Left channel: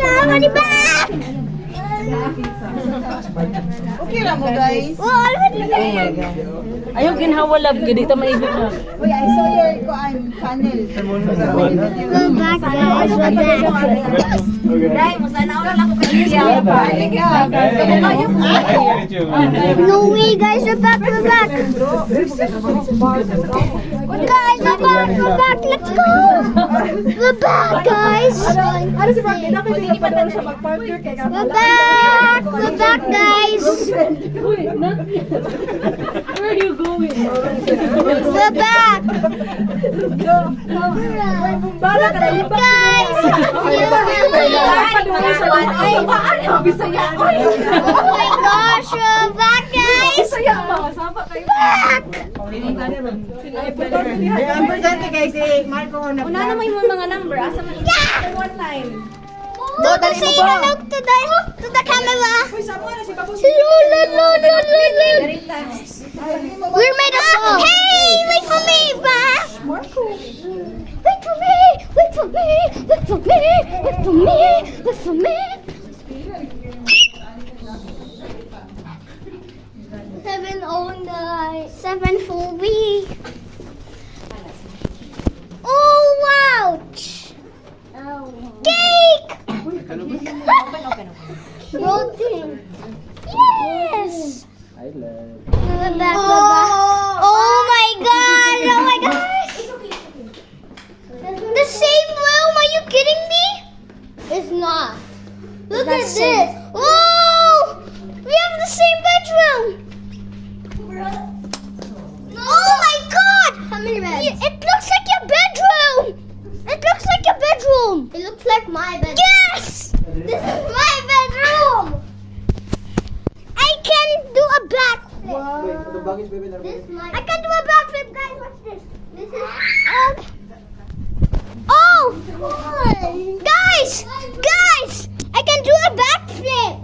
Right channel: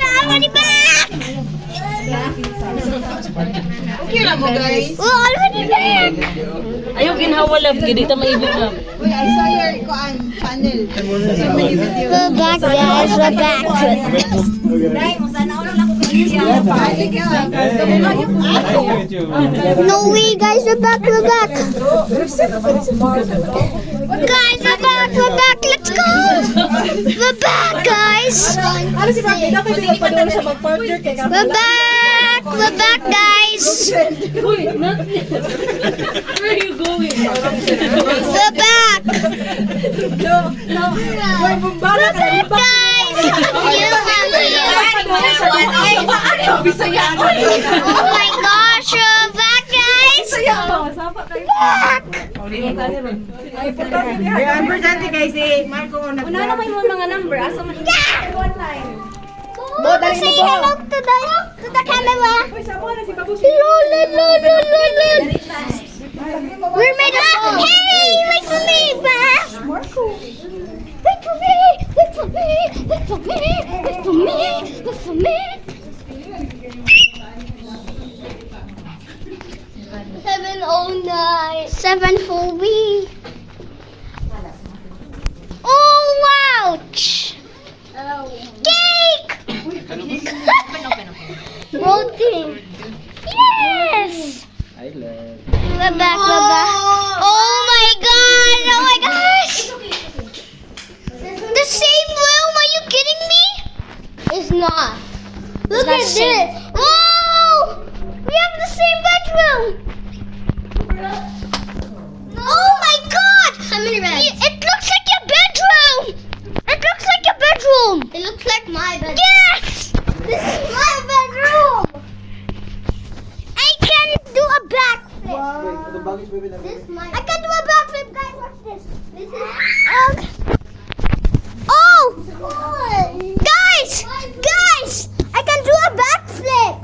Already back! Okay lang mo guys. We're already back! Ayaw ginhawalab, gini ta maibig na. Uy, I saw your channel. We're back, guys. We're back. No way, guys. We're back. We're back. Guys, we're back. Let's go. We're back, guys. We're back. We're back, guys. Where are you going? We're back. We're back, guys. Oh my gosh, we're back, guys. Back. Una naman yung mga number. Asa man Yeah. one line. Do say hello to the camera. Lol. We're made up. Hey, wait for me, Bash. Wait for me. Wait for me. Wait for me. Wait for me. Wait for me. 709. 7-4B. Oh, ouch. Cake! Rolling. Yes! We're back, we're back. Oh my god! Oh my gosh! The same room? Are you kidding me? It's not. Look at this. Oh! We have the same bedroom. Oh my god! How many beds? It looks like your bedroom. It looks like your bedroom. It looks like my bedroom. Yes! This is my bedroom. I can do a backflip. I can do a backflip, guys. Watch this. This is. Oh! Guys! Guys! I can do a backflip.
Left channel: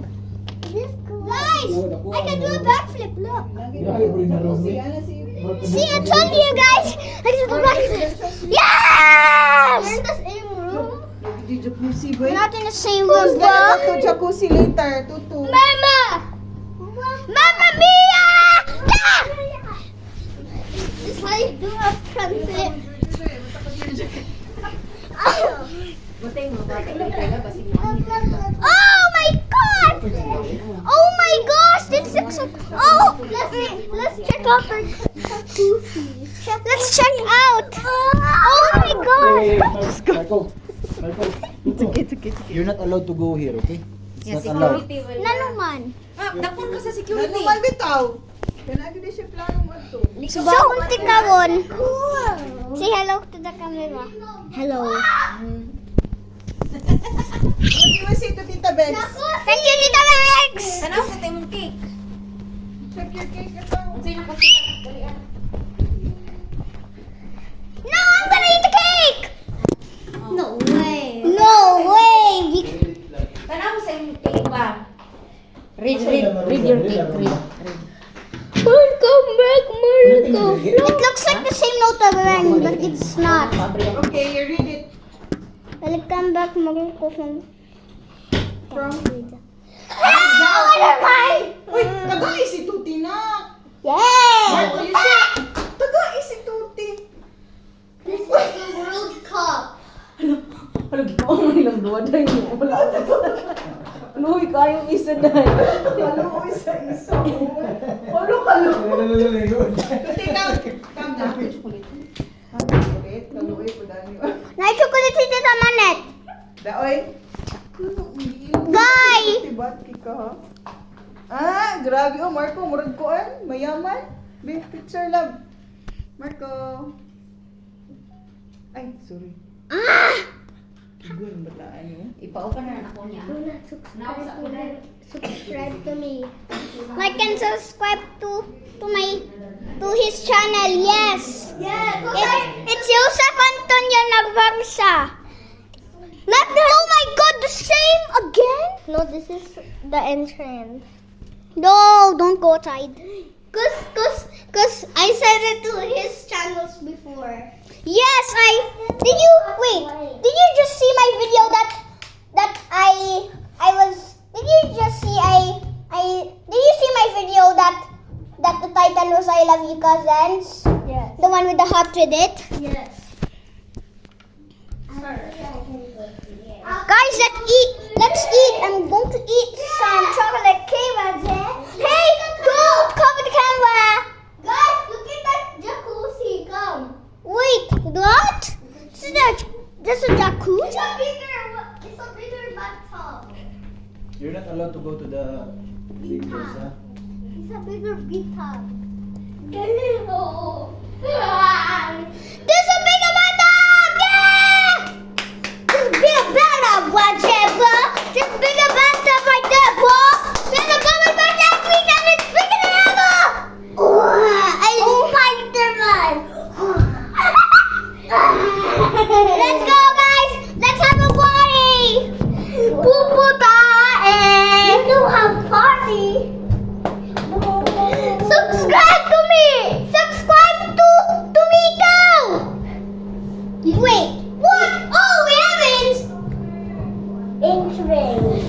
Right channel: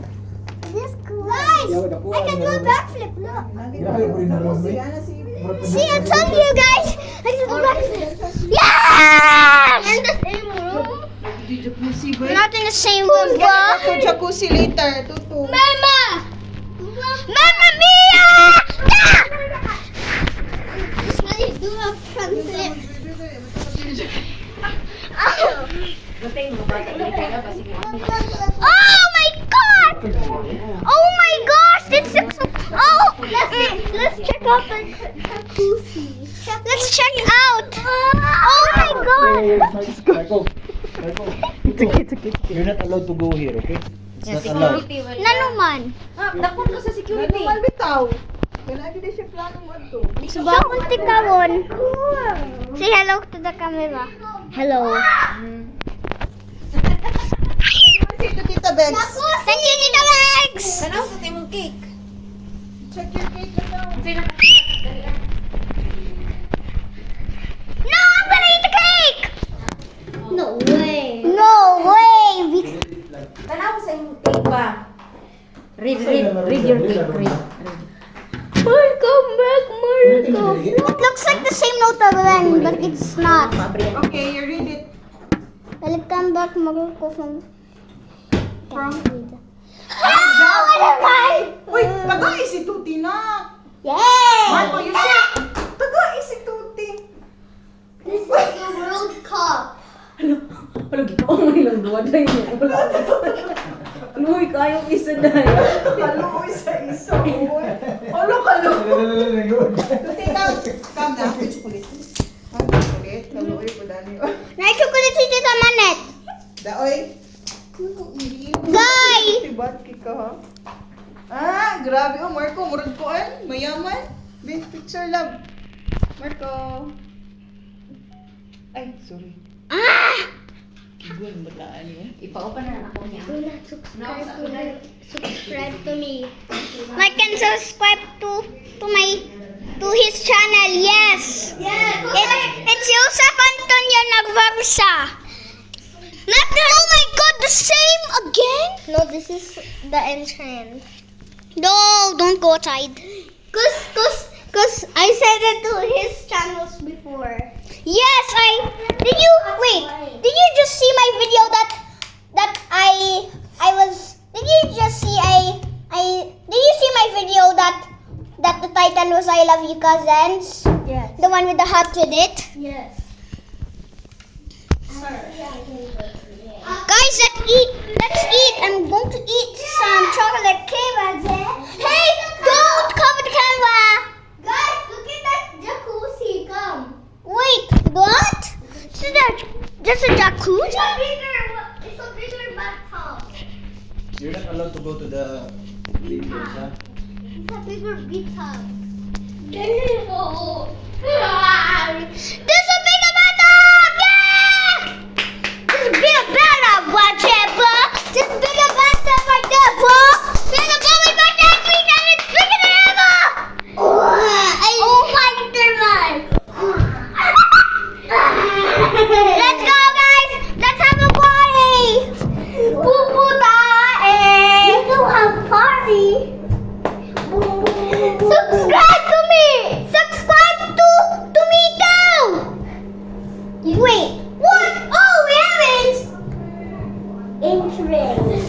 Guys! I can do a backflip. Look. See, I told you guys. I can do a backflip. Yes! We're in the same room. We're not in the same room, bro. To jacuzzi later. Tutu. Mama! Mamma mia! Ah! This is how you do a front flip. Oh my god! Oh my gosh! This looks so... Oh! Let's check out the jacuzzi. Let's check out! Oh my god! You're not allowed to go here, okay? It's not allowed. Nanuman. Dakon ka sa security. Ano man bitaw? Kailangan din siya planong adto. Subakon ti karon. Say hello to the camera. Hello. Say to Tita Bex. Thank you, Tita Rex! Kanaw sa timong cake. Check your cake ito. Sino kasi No, I'm gonna eat the cake! No way. No way! Kanaw sa imong cake ba? Read your cake. Read. Welcome back, Marco. It looks like the same note of ring, but it's not. Okay, you read it. Welcome back, Marco from... Hello, never mind! Uy, tagay si Tuti na. Yay! Marco, you siya. Tagay si Tuti. This is the World Cup. Wala gitaon mo ilang duwa dahil niya. Wala. Ano, kayong isa dahil. Kaluoy sa iso. Ano kaluoy? Tuti, come na. Okay, kaluoy po dami. Na-chocolate si Tita Manet. Daoy. Guy! Tibat ka ha? Ah, grabe oh, Marco. Murag ko mayaman. Big picture love. Marco. Ay, sorry. Ah! Kigun, bataan niya. Ipa-open na ako niya. Subscribe to me. Like and subscribe to his channel. Yes. It's Joseph Antonio Nagvarsa. Not the, oh my god, the same again? No, this is the entrance. No, don't go outside. Cause I said it to his channels before. Yes, did you just see my video that I I love you cousins. Yes. The one with the heart with it. Yes. Guys, let's eat. Let's eat. I'm going to eat some chocolate cake. Hey, don't cover the camera. Guys, look at that jacuzzi. Come. Wait, what? Just a jacuzzi? It's a bigger bathtub. You're not allowed to go to the details, huh? It's a bigger bathtub. There's a bigger bathtub! Yeah! There's a bigger bathtub right there, bro. There's a bigger bathtub right there, bro. There's a bubble bath that we and it's bigger than ever. Oh my God! Let's go, guys. Let's have a party. Poo poo tae. You don't have party. Subscribe to me. Subscribe to me too. Wait. What? Oh, we haven't. Entrance.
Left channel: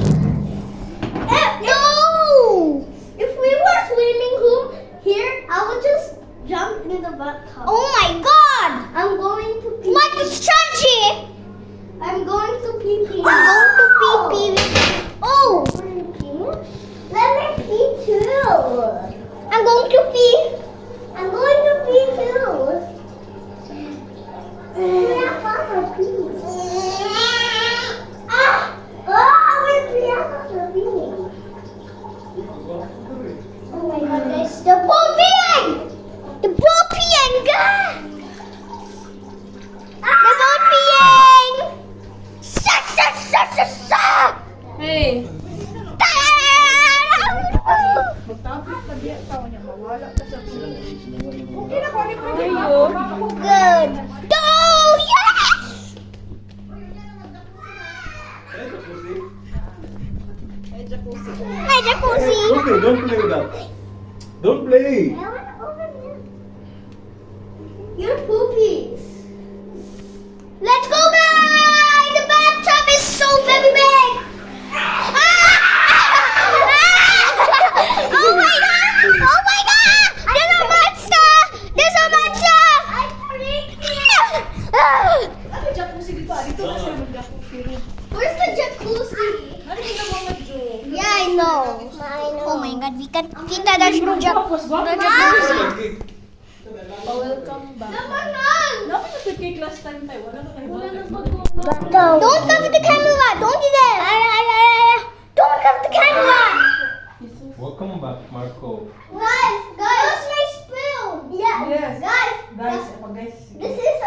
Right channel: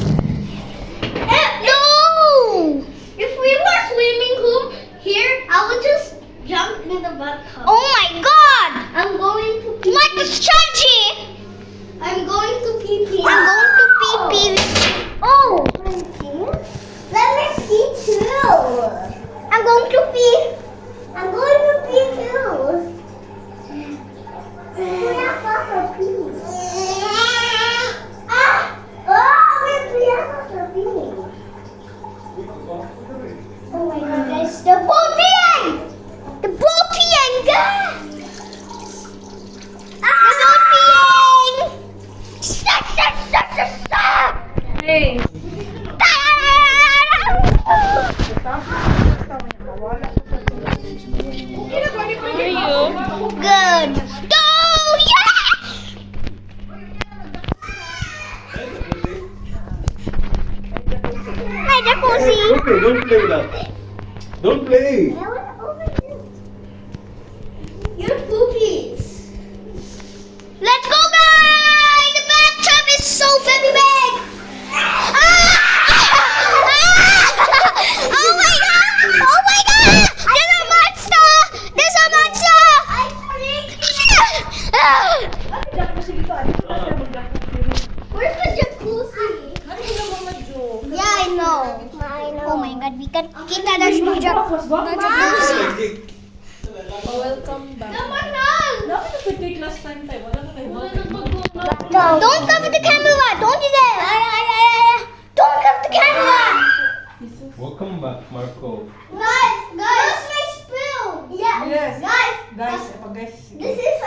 No. If we were swimming pool here, I would just jump in the bathtub. Oh my God. I'm going to pee. What is Chachi? I'm going to pee pee. I'm going to pee pee. Oh. Let me pee too. I'm going to pee. I'm going to pee too. We're not going to pee. Oh my God, guys, the ball peeing! The ball peeing, guys! The ball peeing! Sa sa sa sa sa! Hey. Good. No, yes! Hi, jacuzzi. Okay, don't play with that. Don't play. You're poopies. Let's go, guys! The bathtub is so very big. Oh my God! Oh my God! There's a monster! There's a monster! Ano jacuzzi dito? Dito na siya mag-jacuzzi. Where's the jacuzzi? Ano sila mga Jo? Yeah, I know. Oh my God, we can kita there's no jacuzzi. Welcome back. Dapat sa cake last time tayo. Wala na kayo. Don't cover the camera. Don't do that. Don't cover the camera. Welcome back, Marco. Guys, that's my spoon. Yeah. Yes. Guys, Guys, this is